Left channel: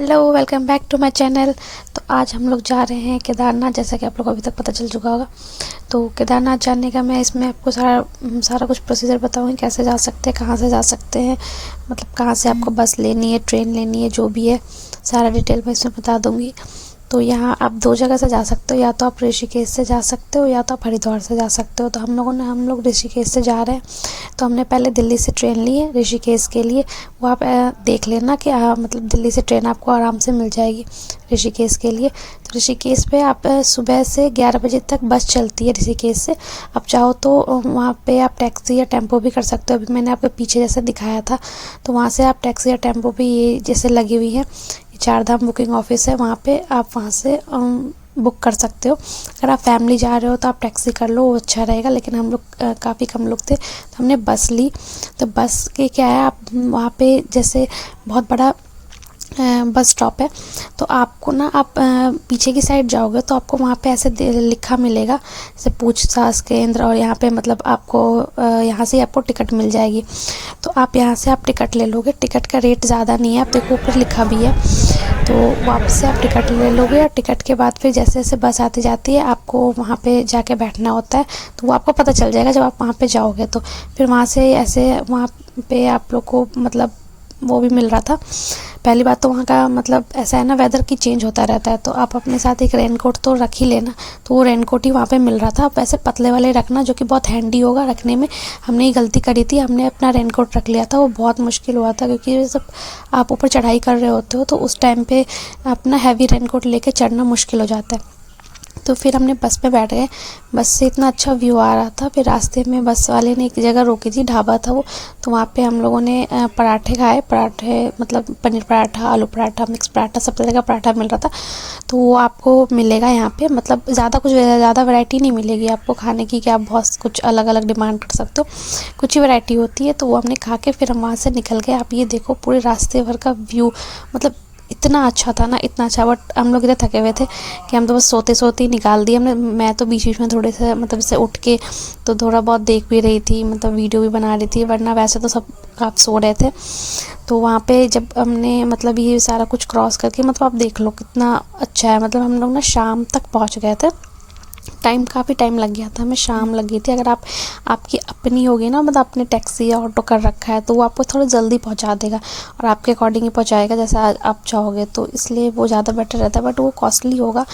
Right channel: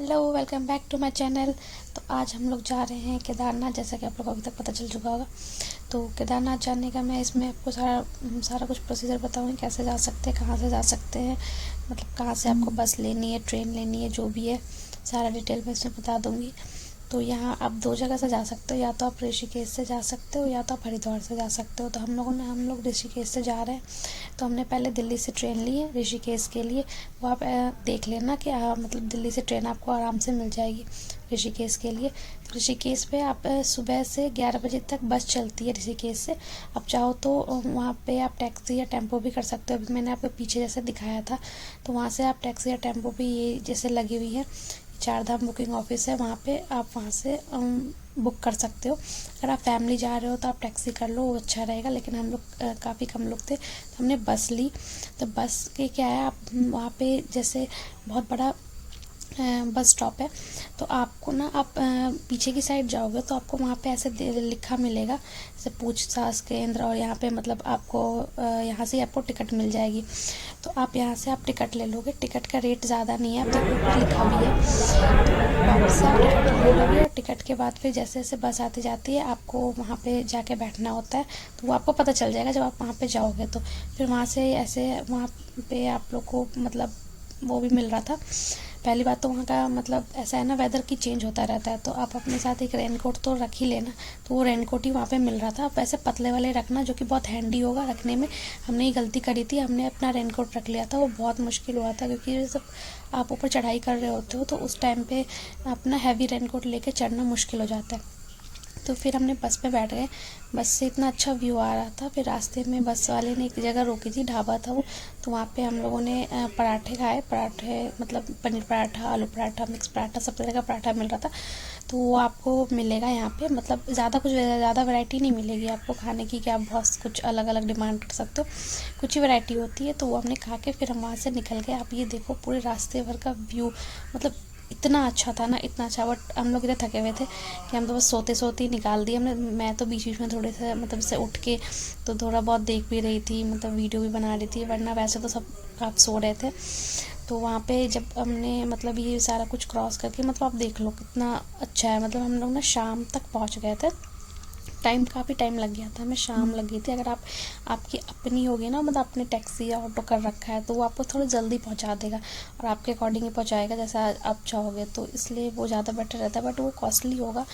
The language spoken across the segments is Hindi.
Hello, welcome back to my channel. तो आज हम लोग जा रहे हैं केदारनाथ, जैसा कि आप लोगों को अभी तक पता चल चुका होगा। तो केदारनाथ जाने का मैं इसमें आपको सारा कुछ प्रोसीजर बताऊंगी, कैसे जा सकते हैं, कहाँ से जा सकते हैं, मतलब कहाँ से आपको बस लेनी है, ट्रेन लेनी है, जो भी है सारा डिटेल मैं इसमें बता दूंगी। तो यहाँ आप दो जगह से जा सकते हो, या तो आप ऋषिकेश से जा सकते हो या तो आप हरिद्वार से जा सकते हो। तो हम लोग ऋषिकेश से जा रहे हैं। तो हमने पहले दिल्ली से ट्रेन ली है ऋषिकेश के लिए। वो आप देख लेना कि मतलब दिल्ली से ट्रेन आपको आराम से मिल जाएगी ऋषिकेश के लिए। तो ऋषिकेश पे आप सुबह से 11 बजे तक बस चलती है ऋषिकेश से। आप चाहो तो वहाँ पे आप टैक्सी या टेम्पो भी कर सकते हो। अभी मैंने आपको पीछे जैसे दिखाया था, तो वहाँ से आप टैक्सी या टेम्पो भी ये जैसे लगी हुई है, चार धाम बुकिंग ऑफिस है, वहाँ पे आप वहाँ से बुक कर सकते हो। अगर आप फैमिली जा रहे हो तो आप टैक्सी कर लो, वो अच्छा रहेगा। लेकिन हम लोग काफ़ी कम लोग थे तो हमने बस ली। तो बस के क्या है, आप वहाँ पे जैसे बहुत बड़ा बस स्टॉप है। तो आपको ना आप पीछे की साइड जाओगे तो आपको वहाँ पे ऐसे लिखा मिलेगा जैसे पूछताछ केंद्र, और यहाँ पे मतलब आपको यहाँ से आपको टिकट मिल जाएगी। तो आप यहाँ से आप टिकट ले लोगे। टिकट का रेट ज़्यादा नहीं है, आप देखो ऊपर लिखा भी है। तो वापस से आप टिकट ले लोगे, और टिकट के बाद फिर जैसे जैसे बस आती जाती है आपको वहाँ पे जाके बैठना होता है। तो वो आपको पता चल जाएगा जब आप वहाँ पे जाओगे। तो फिर वहाँ से ऐसे वहाँ पे आप लोग को मतलब वो भी मिल रहा था। पहली बात तो वहाँ का मतलब ऐसा है ना, वेदर की चेंज होता रहता है, तो आप अपने साथ एक रेनकोट तो रख ही लेना। तो वो रेनकोट ही वहाँ पे मिल रहा था। आप वैसे पतले वाले रखना, जो कि बहुत हैंडी होगा रखने में। हमने ये गलती करी थी, हमने अपना रेनकोट रख लिया था। वो बहुत मुश्किल हुआ था, क्योंकि जब आप ऊपर चढ़ाई कर रहे होते हो तो उस टाइम पे अपना हैवी रेनकोट लेके चढ़ना मुश्किल हो जाता है। तो फिर हमने बस में बैठ गए। बस से इतना अच्छा व्यू आ रहा था। फिर रास्ते में बस वाले ने एक जगह रोकी थी, ढाबा था वो। तो वहाँ पे हम लोगों ने पराठे खाए। पराठे मतलब पनीर पराठा, आलू पराठा, मिक्स पराठा, सब तरह का पराठा मिल रहा था। तो वो आपको मिलेगा यहाँ पे। मतलब ज़्यादा वैरायटी नहीं मिलेगी आपको खाने की कि आप बहुत कुछ अलग अलग डिमांड कर सकते हो। कुछ ही वैरायटी होती है। तो वो हमने खा के फिर हम वहाँ से निकल गए। आप ये देखो पूरे रास्ते भर का व्यू, मतलब इतना अच्छा था ना, इतना अच्छा। बट हम लोग इतने थके हुए थे कि हम तो बस सोते सोते ही निकाल दिए हमने। मैं तो बीच बीच में थोड़े से मतलब से उठ के तो थोड़ा बहुत देख भी रही थी, मतलब वीडियो भी बना रही थी, वरना वैसे तो सब आप सो रहे थे। तो वहाँ पे जब हमने मतलब ये सारा कुछ क्रॉस करके, मतलब आप देख लो कितना अच्छा है। मतलब हम लोग ना शाम तक पहुँच गए थे। काफ़ी टाइम लग गया था, हमें शाम लग गई थी। अगर आपकी अपनी होगी ना, मतलब अपनी टैक्सी या ऑटो कर रखा है, तो वो आपको थोड़ा जल्दी पहुंचा देगा और आपके अकॉर्डिंग ही पहुंचाएगा जैसा आप चाहोगे। तो इसलिए वो ज़्यादा बेटर रहता है। बट वो कॉस्टली होगा,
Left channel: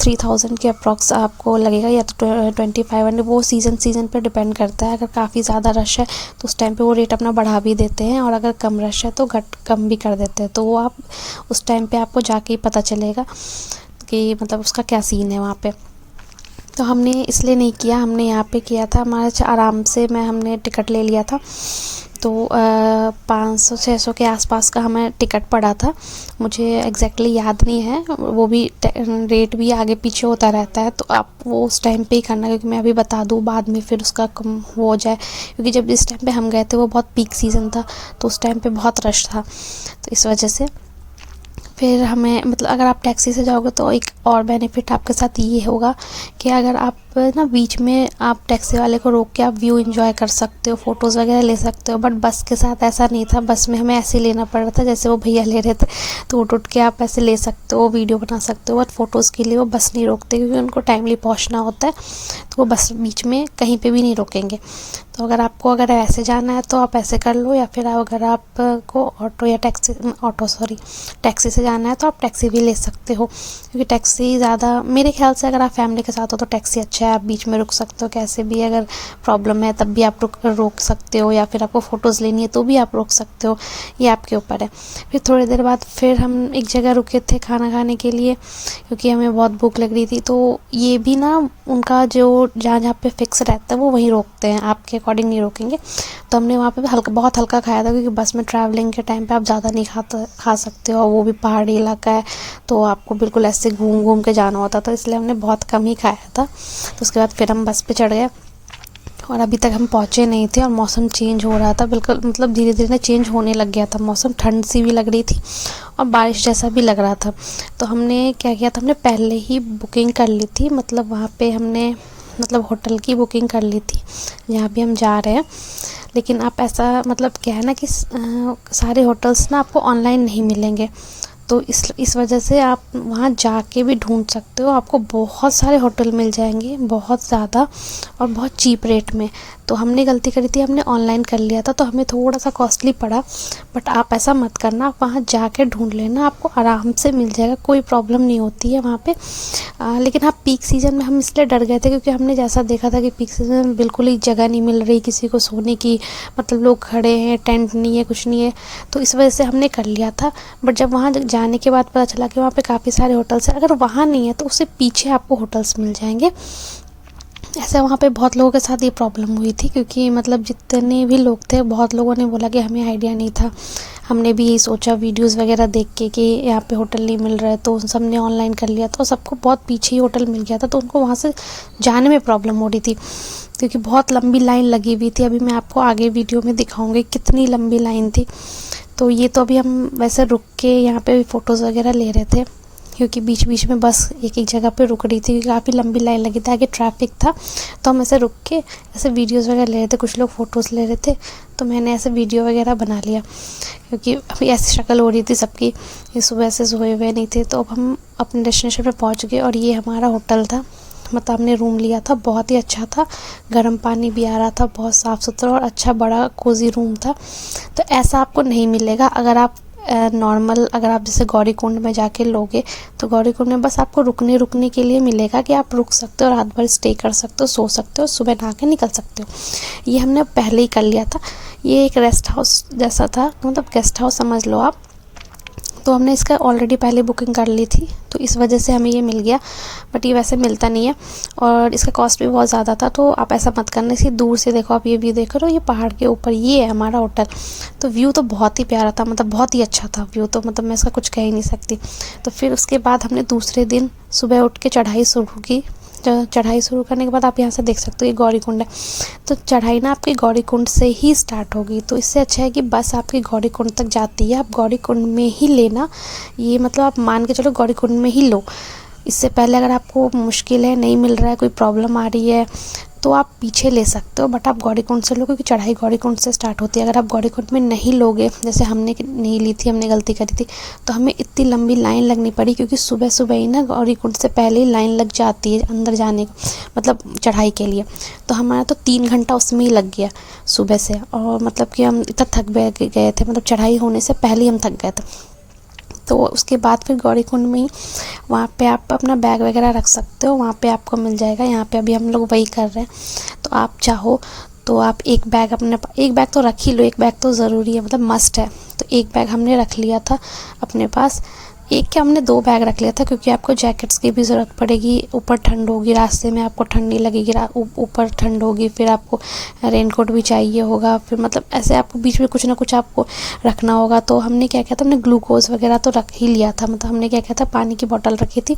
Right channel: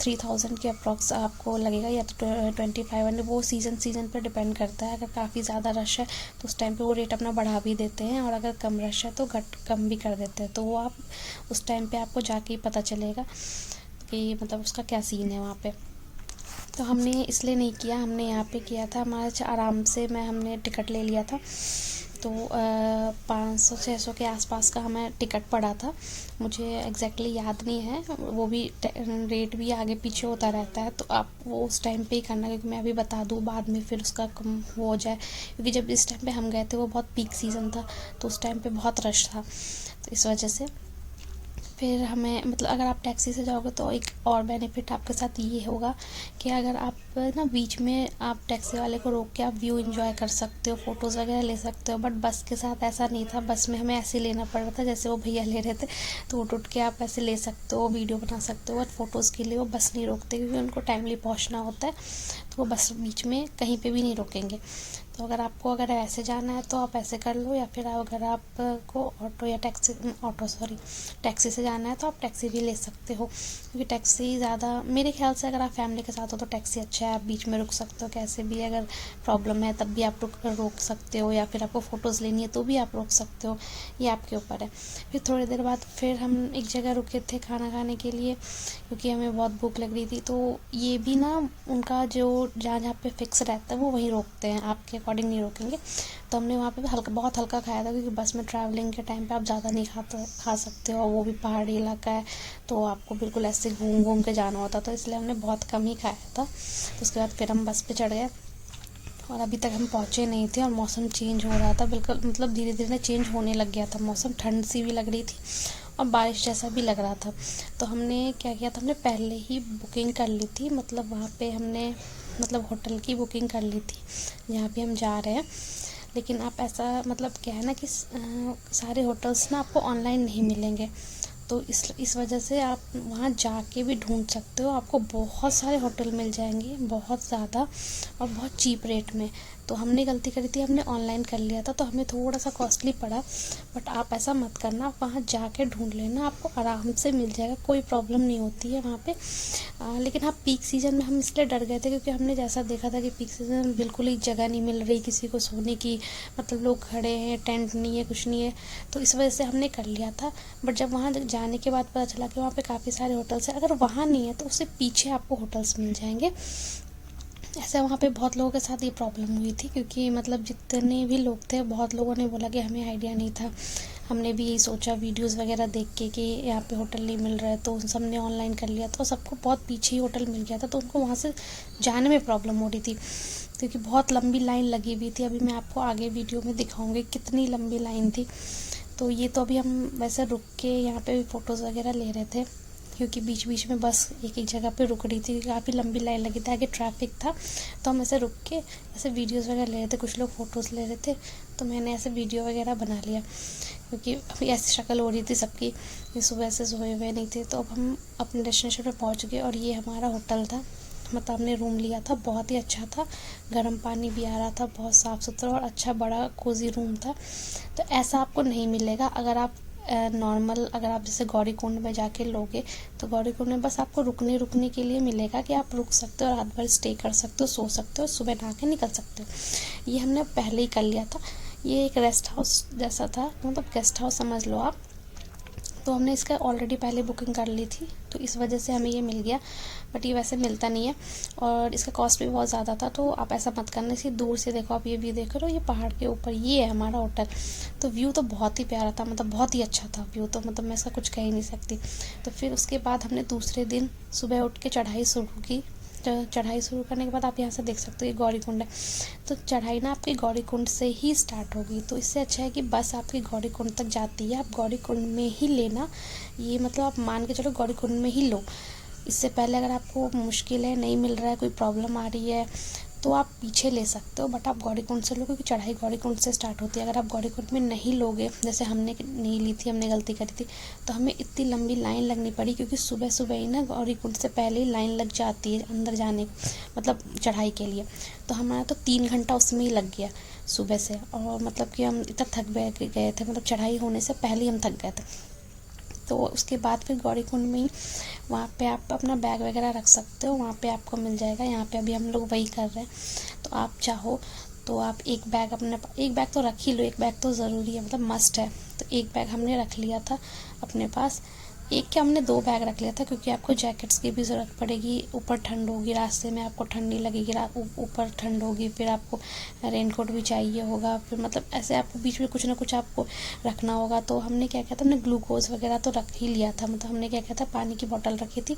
3000 के अप्रॉक्स आपको लगेगा, या तो 2500। वो सीज़न पे डिपेंड करता है। अगर काफ़ी ज़्यादा रश है तो उस टाइम पे वो रेट अपना बढ़ा भी देते हैं, और अगर कम रश है तो कम भी कर देते हैं। तो वो आप उस टाइम पे आपको जाके ही पता चलेगा कि मतलब उसका क्या सीन है वहाँ पे। तो हमने इसलिए नहीं किया, हमने यहाँ पे किया था। हमारा आराम से हमने टिकट ले लिया था। तो 500-600 के आसपास का हमें टिकट पड़ा था। मुझे एग्जैक्टली याद नहीं है, वो भी रेट भी आगे पीछे होता रहता है। तो आप वो उस टाइम पे ही करना, क्योंकि मैं अभी बता दूँ बाद में फिर उसका कम हो जाए। क्योंकि जब इस टाइम पे हम गए थे वो बहुत पीक सीज़न था, तो उस टाइम पे बहुत रश था, तो इस वजह से। फिर हमें मतलब अगर आप टैक्सी से जाओगे तो एक और बेनिफिट आपके साथ ये होगा कि अगर आप ना बीच में आप टैक्सी वाले को रोक के आप व्यू एंजॉय कर सकते हो, फ़ोटोज़ वगैरह ले सकते हो। बट बस के साथ ऐसा नहीं था। बस में हमें ऐसे लेना पड़ रहा था जैसे वो भैया ले रहे थे। तो उठ के आप ऐसे ले सकते हो, वीडियो बना सकते हो। बट फ़ोटोज़ के लिए वो बस नहीं रोकते, क्योंकि उनको टाइमली पहुँचना होता है। तो वो बस बीच में कहीं पर भी नहीं रोकेंगे। तो अगर ऐसे जाना है तो आप ऐसे कर लो, या फिर अगर आपको टैक्सी से जाना है तो आप टैक्सी भी ले सकते हो। क्योंकि टैक्सी ज़्यादा, मेरे ख्याल से अगर आप फैमिली के साथ हो तो टैक्सी अच्छा है। आप बीच में रुक सकते हो, कैसे भी अगर प्रॉब्लम है तब भी आप रोक सकते हो, या फिर आपको फ़ोटोज़ लेनी है तो भी आप रोक सकते हो, ये आपके ऊपर है। फिर थोड़ी देर बाद फिर हम एक जगह रुके थे खाना खाने के लिए, क्योंकि हमें बहुत भूख लग रही थी। तो ये भी ना उनका जो जहाँ जहाँ पे फिक्स रहता है वो वहीं रोकते हैं, आपके अकॉर्डिंग नहीं रोकेंगे। तो हमने वहाँ पे बहुत हल्का खाया था, क्योंकि बस में ट्रैवलिंग के टाइम पे आप ज़्यादा नहीं खा सकते हो, और वो भी पहाड़ी इलाका है, तो आपको बिल्कुल ऐसे घूम घूम के जाना होता था। इसलिए हमने बहुत कम ही खाया था। तो उसके बाद फिर हम बस पे चढ़ गए, और अभी तक हम पहुँचे नहीं थे, और मौसम चेंज हो रहा था बिल्कुल, मतलब धीरे धीरे चेंज होने लग गया था मौसम। ठंड सी भी लग रही थी और बारिश जैसा भी लग रहा था। तो हमने क्या किया था, हमने पहले ही बुकिंग कर ली थी। मतलब वहाँ पे हमने मतलब होटल की बुकिंग कर ली थी जहाँ भी हम जा रहे हैं। लेकिन आप ऐसा मतलब क्या है ना कि सारे होटल्स ना आपको ऑनलाइन नहीं मिलेंगे। तो इस वजह से आप वहाँ जाके भी ढूंढ सकते हो, आपको बहुत सारे होटल मिल जाएंगे, बहुत ज़्यादा और बहुत चीप रेट में। तो हमने गलती करी थी, हमने ऑनलाइन कर लिया था तो हमें थोड़ा सा कॉस्टली पड़ा, बट आप ऐसा मत करना, आप वहाँ जाके ढूंढ लेना, आपको आराम से मिल जाएगा, कोई प्रॉब्लम नहीं होती है वहाँ पे। लेकिन हाँ, पीक सीज़न में हम इसलिए डर गए थे क्योंकि हमने जैसा देखा था कि पीक सीज़न में बिल्कुल ही जगह नहीं मिल रही किसी को सोने की, मतलब लोग खड़े हैं, टेंट नहीं है, कुछ नहीं है, तो इस वजह से हमने कर लिया था। बट जब वहाँ जाने के बाद पता चला कि वहाँ पे काफ़ी सारे होटल्स हैं, अगर वहाँ नहीं है तो उससे पीछे आपको होटल्स मिल जाएंगे। ऐसे वहाँ पे बहुत लोगों के साथ ये प्रॉब्लम हुई थी, क्योंकि मतलब जितने भी लोग थे बहुत लोगों ने बोला कि हमें आइडिया नहीं था, हमने भी यही सोचा वीडियोस वगैरह देख के कि यहाँ पे होटल नहीं मिल रहा है, तो सब ने ऑनलाइन कर लिया, तो सबको बहुत पीछे ही होटल मिल गया था, तो उनको वहाँ से जाने में प्रॉब्लम हो रही थी क्योंकि बहुत लंबी लाइन लगी हुई थी। अभी मैं आपको आगे वीडियो में दिखाऊंगी कितनी लंबी लाइन थी। तो ये तो अभी हम वैसे रुक के यहाँ पे फ़ोटोज़ वगैरह ले रहे थे, क्योंकि बीच बीच में बस एक एक जगह पे रुक रही थी, क्योंकि काफ़ी लंबी लाइन लगी थी, आगे ट्रैफिक था, तो हम ऐसे रुक के ऐसे वीडियोस वगैरह ले रहे थे, कुछ लोग फ़ोटोज़ ले रहे थे, तो मैंने ऐसे वीडियो वगैरह बना लिया, क्योंकि अभी ऐसी शक्ल हो रही थी सबकी, ये सुबह से सोए हुए नहीं थे। तो अब हम अपने डेस्टिनेशन पे पहुंच गए और ये हमारा होटल था, मतलब हमने रूम लिया था, बहुत ही अच्छा था, गर्म पानी भी आ रहा था, बहुत साफ़ सुथरा और अच्छा बड़ा कोजी रूम था। तो ऐसा आपको नहीं मिलेगा अगर आप नॉर्मल, अगर आप जैसे गौरीकुंड में जाके लोगे, तो गौरीकुंड में बस आपको रुकने के लिए मिलेगा कि आप रुक सकते हो, रात भर स्टे कर सकते हो, सो सकते हो, सुबह नहा के निकल सकते हो। ये हमने पहले ही कर लिया था, ये एक रेस्ट हाउस जैसा था, मतलब गेस्ट हाउस समझ लो आप। तो हमने इसका ऑलरेडी पहले बुकिंग कर ली थी, तो इस वजह से हमें ये मिल गया, बट ये वैसे मिलता नहीं है और इसका कॉस्ट भी बहुत ज़्यादा था। तो आप ऐसा मत करना, इसे दूर से देखो, आप ये व्यू देख रहे हो, ये पहाड़ के ऊपर ये है हमारा होटल। तो व्यू तो बहुत ही प्यारा था, मतलब बहुत ही अच्छा था व्यू, तो मतलब मैं इसका कुछ कह ही नहीं सकती। तो फिर उसके बाद हमने दूसरे दिन सुबह उठ के चढ़ाई शुरू की। चढ़ाई शुरू करने के बाद आप यहाँ से देख सकते हो ये गौरीकुंड है, तो चढ़ाई ना आपकी गौरीकुंड से ही स्टार्ट होगी। तो इससे अच्छा है कि बस आपकी गौरीकुंड तक जाती है, आप गौरीकुंड में ही लेना, ये मतलब आप मान के चलो गौरीकुंड में ही लो। इससे पहले अगर आपको मुश्किल है, नहीं मिल रहा है, कोई प्रॉब्लम आ रही है, तो आप पीछे ले सकते हो, बट आप गौरीकुंड से लो, क्योंकि चढ़ाई गौरीकुंड से स्टार्ट होती है। अगर आप गौरीकुंड में नहीं लोगे, जैसे हमने नहीं ली थी, हमने गलती करी थी, तो हमें इतनी लंबी लाइन लगनी पड़ी, क्योंकि सुबह सुबह ही ना गौरीकुंड से पहले ही लाइन लग जाती है अंदर जाने, मतलब चढ़ाई के लिए। तो हमारा तो 3 घंटा उसमें ही लग गया सुबह से, और मतलब कि हम इतना थक गए थे, मतलब चढ़ाई होने से पहले ही हम थक गए थे। तो उसके बाद फिर गौरीकुंड में ही वहाँ पे आप अपना बैग वगैरह रख सकते हो, वहाँ पे आपको मिल जाएगा। यहाँ पे अभी हम लोग वही कर रहे हैं, तो आप चाहो तो आप एक बैग एक बैग तो रख ही लो, एक बैग तो ज़रूरी है, मतलब मस्ट है। तो एक बैग हमने रख लिया था अपने पास, एक क्या हमने 2 बैग रख लिया था, क्योंकि आपको जैकेट्स की भी ज़रूरत पड़ेगी, ऊपर ठंड होगी, रास्ते में आपको ठंड नहीं लगेगी, ऊपर ठंड होगी, फिर आपको रेनकोट भी चाहिए होगा, फिर मतलब ऐसे आपको बीच में कुछ ना कुछ आपको रखना होगा। तो हमने क्या किया था, हमने ग्लूकोज वगैरह तो रख ही लिया था, मतलब हमने क्या किया था, पानी की बोतल रखी थी।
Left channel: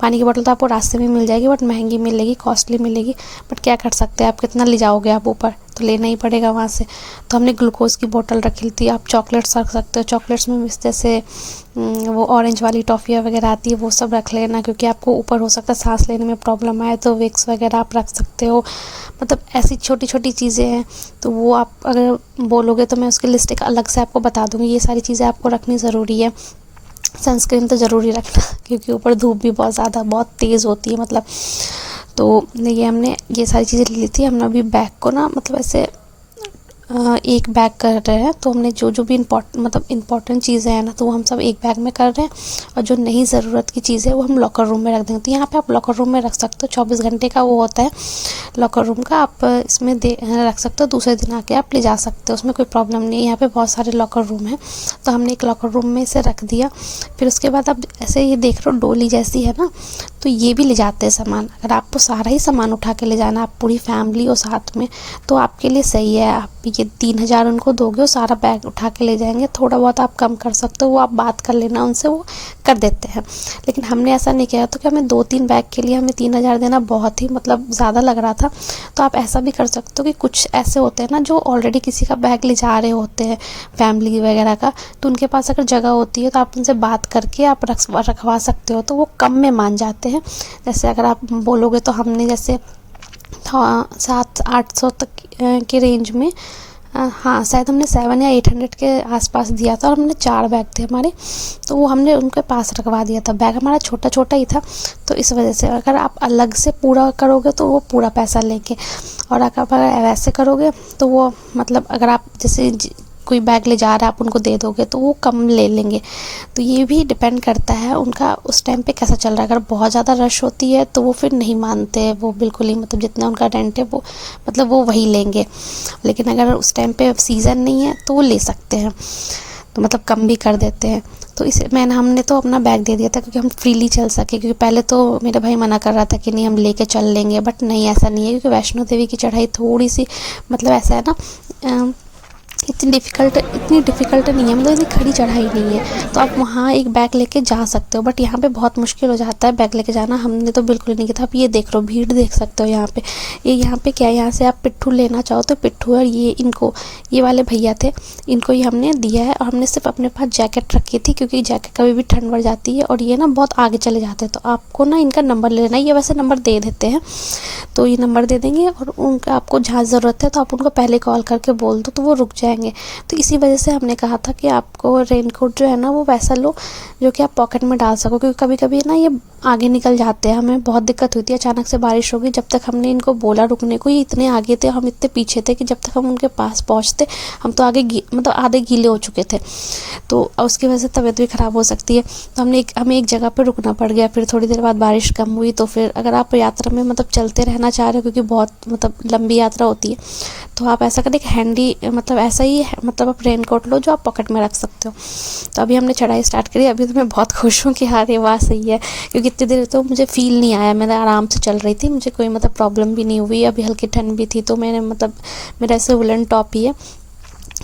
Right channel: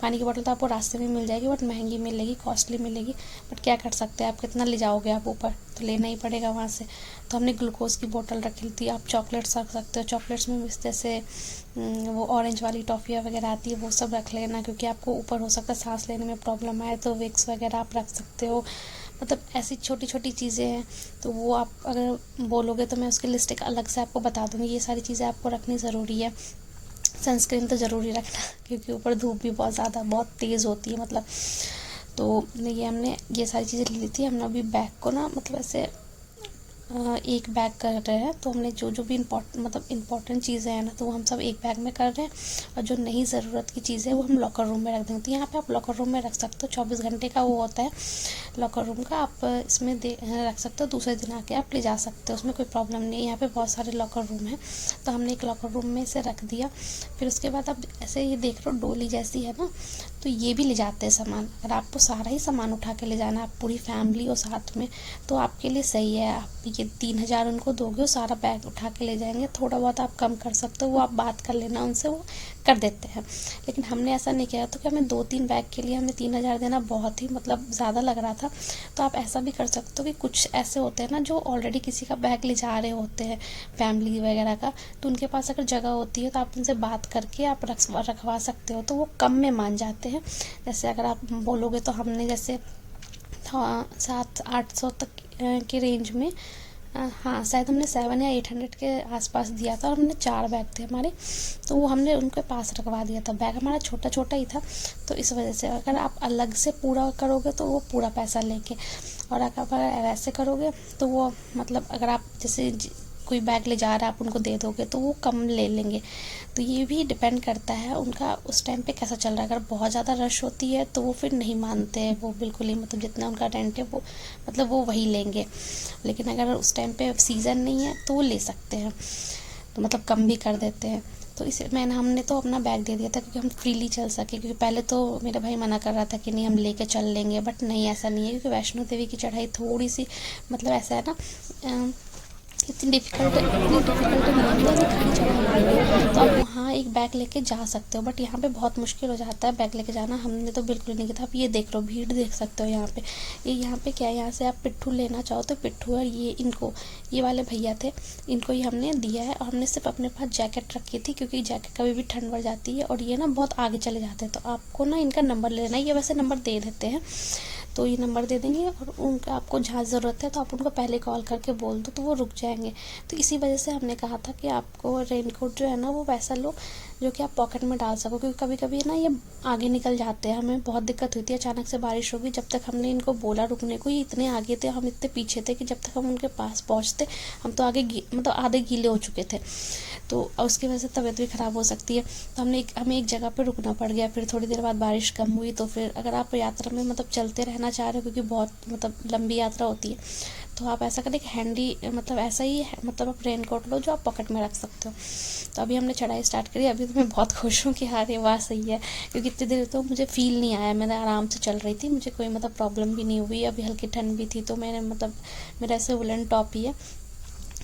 पानी की बोतल तो आपको रास्ते में मिल जाएगी, बट महंगी मिलेगी, कॉस्टली मिलेगी, बट क्या कर सकते हैं, आप कितना ले जाओगे आप ऊपर, तो लेना ही पड़ेगा वहाँ से। तो हमने ग्लूकोज की बोतल रखी थी। आप चॉकलेट्स रख सकते हो, चॉकलेट्स में जैसे वो ऑरेंज वाली टॉफ़ियाँ वगैरह आती है, वो सब रख लेना, क्योंकि आपको ऊपर हो सकता है सांस लेने में प्रॉब्लम आए, तो विक्स वगैरह आप रख सकते हो। मतलब ऐसी छोटी छोटी चीज़ें हैं, तो वो आप अगर बोलोगे तो मैं उसकी लिस्ट एक अलग से आपको बता दूँगी। ये सारी चीज़ें आपको रखनी ज़रूरी है। सनस्क्रीन तो ज़रूरी रखना, क्योंकि ऊपर धूप भी बहुत ज़्यादा बहुत तेज़ होती है, मतलब। तो ये हमने ये सारी चीज़ें ली थी। हमने अभी बैग को ना, मतलब ऐसे एक बैग कर रहे हैं, तो हमने जो जो भी इम्पोर्टेंट चीज़ें हैं ना, तो वो हम सब एक बैग में कर रहे हैं, और जो नहीं ज़रूरत की चीज़ें वो हम लॉकर रूम में रख देंगे। तो यहाँ पे आप लॉकर रूम में रख सकते हो, 24 घंटे का वो होता है लॉकर रूम का, आप इसमें रख सकते हो, दूसरे दिन आके आप ले जा सकते हो, उसमें कोई प्रॉब्लम नहीं है। यहाँ पे बहुत सारे लॉकर रूम हैं, तो हमने एक लॉकर रूम में इसे रख दिया। फिर उसके बाद आप ऐसे ये देख रहे हो डोली जैसी है ना, तो ये भी ले जाते हैं सामान। अगर आपको सारा ही सामान उठा के ले जाना, आप पूरी फैमिली और साथ में, तो आपके लिए सही है। आप ये 3,000 उनको दोगे, वो सारा बैग उठा के ले जाएंगे। थोड़ा बहुत आप कम कर सकते हो, वो आप बात कर लेना उनसे, वो कर देते हैं। लेकिन हमने ऐसा नहीं किया, तो कि हमें 2-3 बैग के लिए हमें 3,000 देना बहुत ही मतलब ज़्यादा लग रहा था। तो आप ऐसा भी कर सकते हो कि कुछ ऐसे होते हैं ना जो ऑलरेडी किसी का बैग ले जा रहे होते हैं, फैमिली वगैरह का, तो उनके पास अगर जगह होती है तो आप उनसे बात करके आप रखवा सकते हो, तो वो कम में मान जाते हैं। जैसे अगर आप बोलोगे, तो हमने जैसे 700-800 तक के रेंज में हाँ शायद हमने 7 या 800 के आसपास दिया था और हमने 4 बैग थे हमारे, तो वो हमने उनके पास रखवा दिया था। बैग हमारा छोटा छोटा ही था, तो इस वजह से अगर आप अलग से पूरा करोगे तो वो पूरा पैसा लेंगे, और अगर वैसे करोगे तो वो मतलब अगर आप जैसे कोई बैग ले जा रहा है आप उनको दे दोगे तो वो कम ले लेंगे। तो ये भी डिपेंड करता है उनका उस टाइम पे कैसा चल रहा है। अगर बहुत ज़्यादा रश होती है तो वो फिर नहीं मानते हैं, वो बिल्कुल ही मतलब जितना उनका रेंट है वो मतलब वो वही लेंगे। लेकिन अगर उस टाइम पे सीज़न नहीं है तो वो ले सकते हैं, तो मतलब कम भी कर देते हैं। तो इसे हमने तो अपना बैग दे दिया था क्योंकि हम फ्रीली चल सके, क्योंकि पहले तो मेरा भाई मना कर रहा था कि नहीं हम लेके चल लेंगे, बट नहीं ऐसा नहीं है, क्योंकि वैष्णो देवी की चढ़ाई थोड़ी सी मतलब ऐसा है ना, इतनी डिफ़िकल्ट नहीं है, मतलब इतनी खड़ी चढ़ाई नहीं है, तो आप वहाँ एक बैग लेके जा सकते हो। बट यहाँ पे बहुत मुश्किल हो जाता है बैग लेके जाना, हमने तो बिल्कुल नहीं किया था। आप ये देख लो, भीड़ देख सकते हो यहाँ पे। यहाँ पे क्या है, यहाँ से आप पिट्ठू लेना चाहो तो पिट्ठू, और ये वाले भैया थे, इनको ही हमने दिया है। और हमने सिर्फ अपने पास जैकेट रखी थी, क्योंकि जैकेट कभी भी ठंड बढ़ जाती है और ये ना बहुत आगे चले जाते हैं, तो आपको ना इनका नंबर लेना है। ये वैसे नंबर दे देते हैं, तो ये नंबर दे देंगे, और उनका आपको जहाँ ज़रूरत है तो आप उनको पहले कॉल करके बोल दो तो वो रुक जाएंगे। तो इसी वजह से हमने कहा था कि आपको रेनकोट जो है ना वो वैसा लो जो कि आप पॉकेट में डाल सको, क्योंकि कभी कभी ना ये आगे निकल जाते हैं, हमें बहुत दिक्कत हुई थी। अचानक से बारिश हो गई, जब तक हमने इनको बोला रुकने को, ये इतने आगे थे, हम इतने पीछे थे कि जब तक हम उनके पास पहुँचते हम तो आगे मतलब आधे गीले हो चुके थे, तो उसकी वजह से तबीयत भी ख़राब हो सकती है। तो हमें एक जगह पर रुकना पड़ गया। फिर थोड़ी देर बाद बारिश कम हुई, तो फिर अगर आप यात्रा में मतलब चलते रहना चाह रहे हो, क्योंकि बहुत मतलब लंबी यात्रा होती है, तो आप ऐसा करें, एक हैंडी मतलब ऐसा ही मतलब आप रेनकोट लो जो आप पॉकेट में रख सकते हो। तो अभी हमने चढ़ाई स्टार्ट करी। अभी तो मैं बहुत खुश हूँ कि हाँ ये बात सही है, क्योंकि इतनी देर तो मुझे फ़ील नहीं आया, मैं आराम से चल रही थी, मुझे कोई मतलब प्रॉब्लम भी नहीं हुई। अभी हल्की ठंड भी थी, तो मैंने मतलब मेरा ऐसे वुलन टॉप ही है,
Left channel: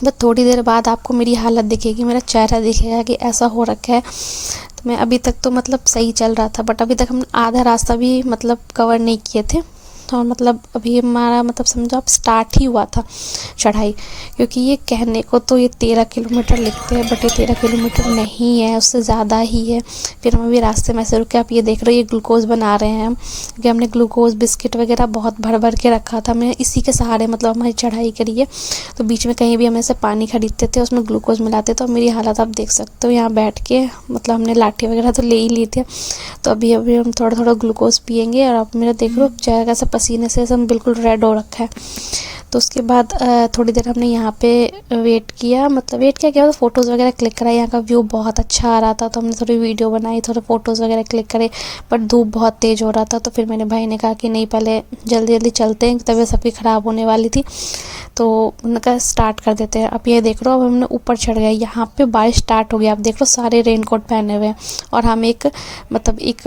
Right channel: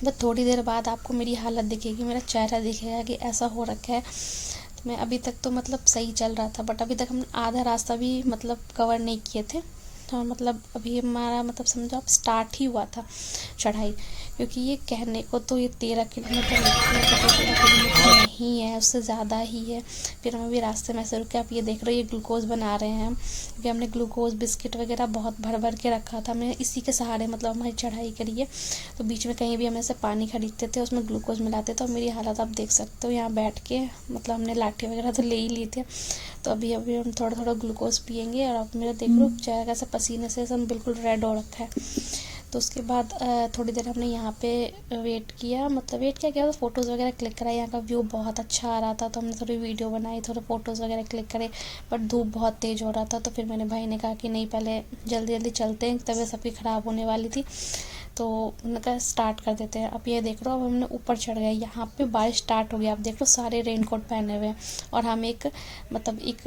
बस थोड़ी देर बाद आपको मेरी हालत दिखेगी, मेरा चेहरा दिखेगा कि ऐसा हो रखा है। तो मैं अभी तक तो मतलब सही चल रहा था, बट अभी तक हम आधा रास्ता भी मतलब कवर नहीं किए थे। तो मतलब अभी हमारा मतलब समझो आप स्टार्ट ही हुआ था चढ़ाई, क्योंकि ये कहने को तो ये 13 किलोमीटर लिखते हैं, बट ये 13 किलोमीटर नहीं है, उससे ज़्यादा ही है। फिर हम अभी रास्ते में से रुके, आप ये देख रहे हो ये ग्लूकोज़ बना रहे हैं हम, क्योंकि हमने ग्लूकोज़ बिस्किट वगैरह बहुत भर भर के रखा था। हमने इसी के सहारे मतलब हमारी चढ़ाई करी है। तो बीच में कहीं भी हम ऐसे पानी खरीदते थे, उसमें ग्लूकोज़ मिलाते, तो मेरी हालत आप देख सकते हो यहाँ बैठ के, मतलब हमने लाठी वगैरह तो ले ही ली थी। तो अभी हम थोड़ा थोड़ा ग्लूकोज़ पियेंगे, और आप मेरा देख लो चेहरा कैसा पसीने से एकदम बिल्कुल रेड हो रखा है। तो उसके बाद थोड़ी देर हमने यहाँ पे वेट किया, मतलब वेट किया तो फ़ोटोज़ वगैरह क्लिक कराई। यहाँ का व्यू बहुत अच्छा आ रहा था, तो हमने थोड़ी वीडियो बनाई, थोड़े फ़ोटोज़ वगैरह क्लिक करे, बट धूप बहुत तेज़ हो रहा था। तो फिर मेरे भाई ने कहा कि नहीं पहले जल्दी जल्दी चलते हैं, तबीयत सबकी ख़राब होने वाली थी, तो उनका स्टार्ट कर देते हैं। अब ये देख लो, अब हमने ऊपर चढ़ गए, यहाँ पे बारिश स्टार्ट हो गई। आप देख लो सारे रेनकोट पहने हुए हैं, और हम एक मतलब एक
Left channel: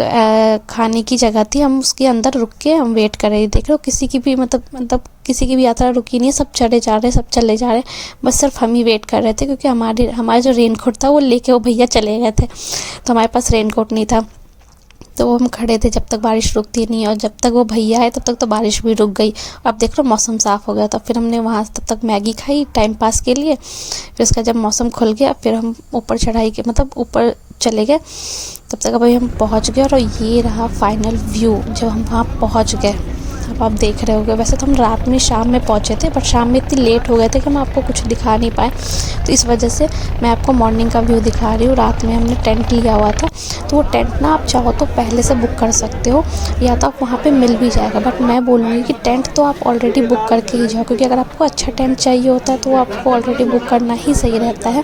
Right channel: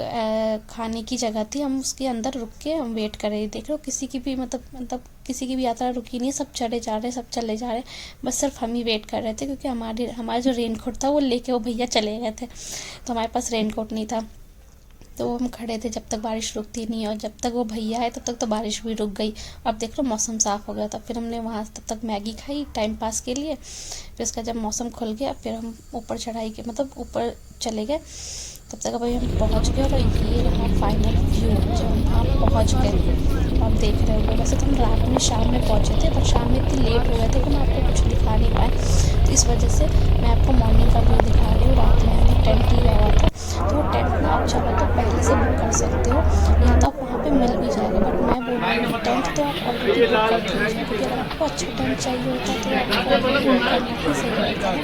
खाने की जगह थी, हम उसके अंदर रुक के हम वेट कर रहे। देख लो किसी की भी मतलब किसी की भी यात्रा रुकी नहीं है, सब चढ़े जा रहे, सब चले जा रहे, बस सिर्फ हम ही वेट कर रहे थे, क्योंकि हमारा जो रेनकोट था वो लेके वो भैया चले गए थे, तो हमारे पास रेनकोट नहीं था। तो वो हम खड़े थे जब तक बारिश रुकती नहीं, और जब तक वो भैया आए तब तक तो बारिश भी रुक गई। अब देख लो मौसम साफ़ हो गया, तो फिर हमने वहाँ तब तक मैगी खाई टाइम पास के लिए। फिर उसका जब मौसम खुल गया, फिर हम ऊपर चढ़ाई के मतलब ऊपर चले गए। तब तक अभी हम पहुँच गए, और ये रहा फाइनल व्यू जब हम वहाँ पहुँच गए। अब आप देख रहे होगे, वैसे तो हम रात में शाम में पहुँचे थे, बट शाम में इतनी लेट हो गए थे कि हम आपको कुछ दिखा नहीं पाए, तो इस वजह से मैं आपको मॉर्निंग का व्यू दिखा रही हूँ। रात में हमने टेंट लिया हुआ था, तो वो टेंट ना आप चाहो तो पहले से बुक कर सकते हो, या तो आप वहाँ पे मिल भी जाएगा, बट मैं बोलूँगी कि टेंट तो आप ऑलरेडी बुक करके ही जाओ, क्योंकि अगर आपको अच्छा टेंट चाहिए होता है तो आपको ऑलरेडी बुक करना ही सही रहता है।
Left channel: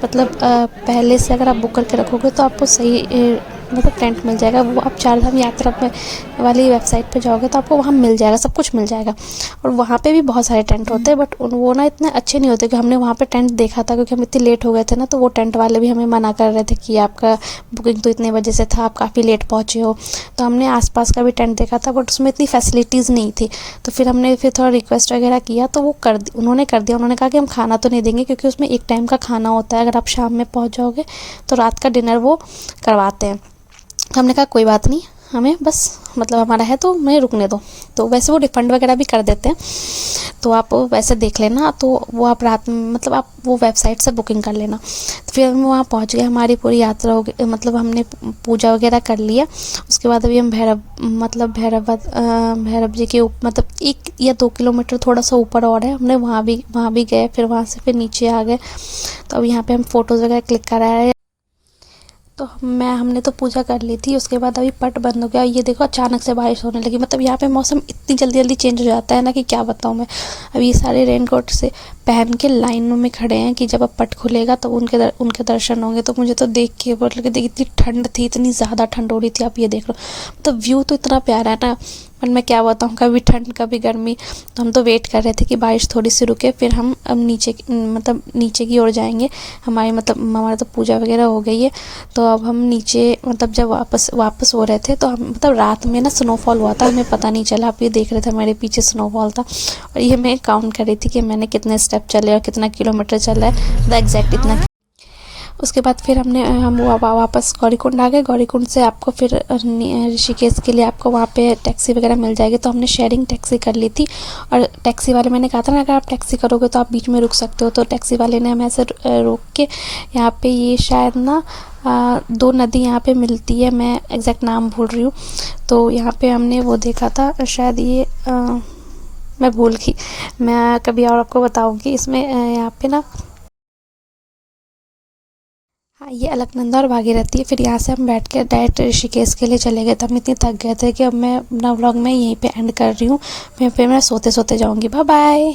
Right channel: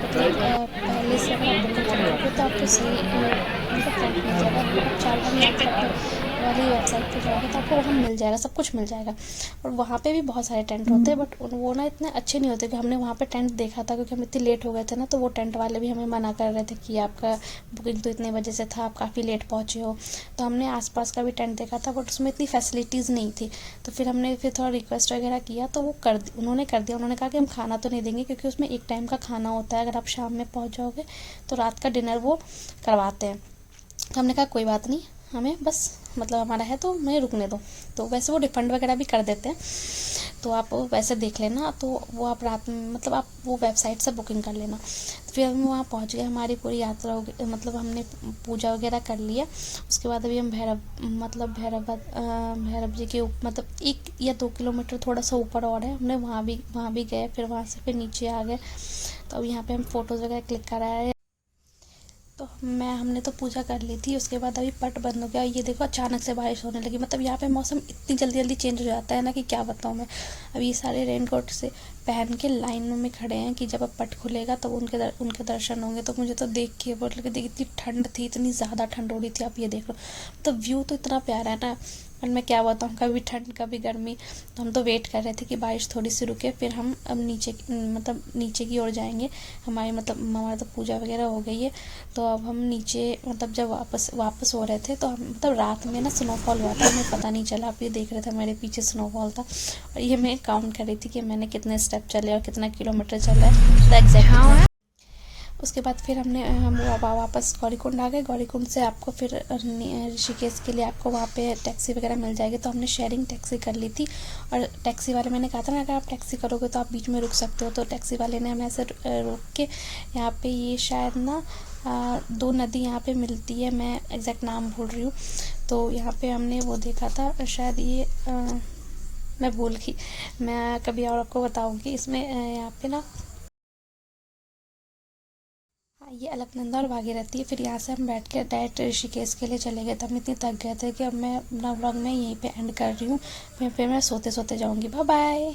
मतलब पहले से अगर आप बुक करके रखोगे तो आपको सही मतलब टेंट मिल जाएगा। वो आप चारधाम यात्रा पे वाली वेबसाइट पे जाओगे तो आपको वहाँ मिल जाएगा, सब कुछ मिल जाएगा। और वहाँ पे भी बहुत सारे टेंट होते हैं, बट वो ना इतने अच्छे नहीं होते। कि हमने वहाँ पे टेंट देखा था, क्योंकि हम इतने लेट हो गए थे ना, तो वो टेंट वाले भी हमें मना कर रहे थे कि आपका बुकिंग तो इतने बजे से था, आप काफ़ी लेट पहुँचे हो। तो हमने आसपास का भी टेंट देखा था, बट उसमें इतनी फैसिलिटीज़ नहीं थी। तो फिर हमने थोड़ा रिक्वेस्ट वगैरह किया, तो वो उन्होंने कर दिया। उन्होंने कहा कि हम खाना तो नहीं देंगे, क्योंकि उसमें एक टाइम का खाना होता है, अगर आप शाम में पहुँच जाओगे तो रात का डिनर वो करवाते हैं। तो हमने कहा कोई बात नहीं, हमें बस मतलब हमारा है तो हमें रुकने दो। तो वैसे वो रिफ़ंड वगैरह भी कर देते हैं, तो आप वैसे देख लेना। तो वो आप रात में मतलब आप वो वेबसाइट से बुकिंग कर लेना। तो फिर हम वहाँ पहुँच गए, हमारी पूरी यात्रा हो गई, मतलब हमने पूजा वगैरह कर लिया। उसके बाद अभी हम भैरव जी के मतलब 1 या 2 किलोमीटर थोड़ा सा ऊपर और है, हमने वहाँ भी गए। फिर वहाँ से फिर नीचे आ गए। तो अब यहाँ पे हम फ़ोटोज़ वगैरह क्लिक करा रहे हैं। तो हमने तो पूजा कर ली थी। उसके बाद अभी पट बंद हो गया। ये देखो अचानक से बारिश होने लगी। मतलब यहाँ पे मौसम इतनी जल्दी जल्दी चेंज हो जाता है ना कि क्या बताऊँ मैं। अभी ये सारे रेनकोट से पहन के लाइनों में खड़े हैं कि जब अब पट खुलेगा तो उनके दर्शन होंगे। तो मुझे तो देख के मतलब कि इतनी ठंड थी, इतनी ज़्यादा ठंड हो रही थी। आप ये देख लो, मतलब व्यू तो इतना प्यारा है ना, पर मैं क्या बताऊँ, कभी ठंड कभी गर्मी। तो हम तो वेट कर रहे थे कि बारिश थोड़ी सी रुके, फिर हम अब नीचे की ओर जाएंगे। हमारा तो पूजा वगैरह हो गई है। तो अब हम नीचे मतलब जब वापस हो रहे थे तो हम मतलब रात में ना स्नोफॉल हुआ था, हमें पता नहीं चला। आप ये देख रहे थे हमारे पीछे स्नोफॉल था। और ये मैं काउंट कर रही थी कि मैंने कितने स्टेप चले और कितना किलोमीटर चला है, द एग्जैक्ट इतना। उसके बाद फिर हम वापस गौरीकुंड आ गए। गौरीकुंड से आपको फिर ऋषिकेश के लिए आपको वहाँ पे टैक्सी वगैरह मिल जाएगी। तो हमने शेयरिंग टैक्सी कर ली थी। और टैक्सी वाले, मैंने कहा था ना, अगर आप टैक्सी करोगे तो आप बीच में रुक सकते हो। तो टैक्सी वाले ने हमें ऐसे रोक के यहाँ पे, ये शायद ना 2 नदी यहाँ पे मिलती है, मैं एग्जैक्ट नाम भूल रही हूँ। तो यहाँ पे हमने वो देखा था, शायद ये मैं भूल गई। मैं कभी और आपको बताऊँगी। इसमें यहाँ पे ना, हाँ, ये अलकनंदा और भागीरथी है। फिर यहाँ से हम बैठ के डायरेक्ट ऋषिकेश के लिए चले गए। तो हम इतने थक गए थे कि अब मैं अपना व्लॉग में यहीं पे एंड कर रही हूँ। फिर मैं सोते सोते जाऊँगी। Bye bye.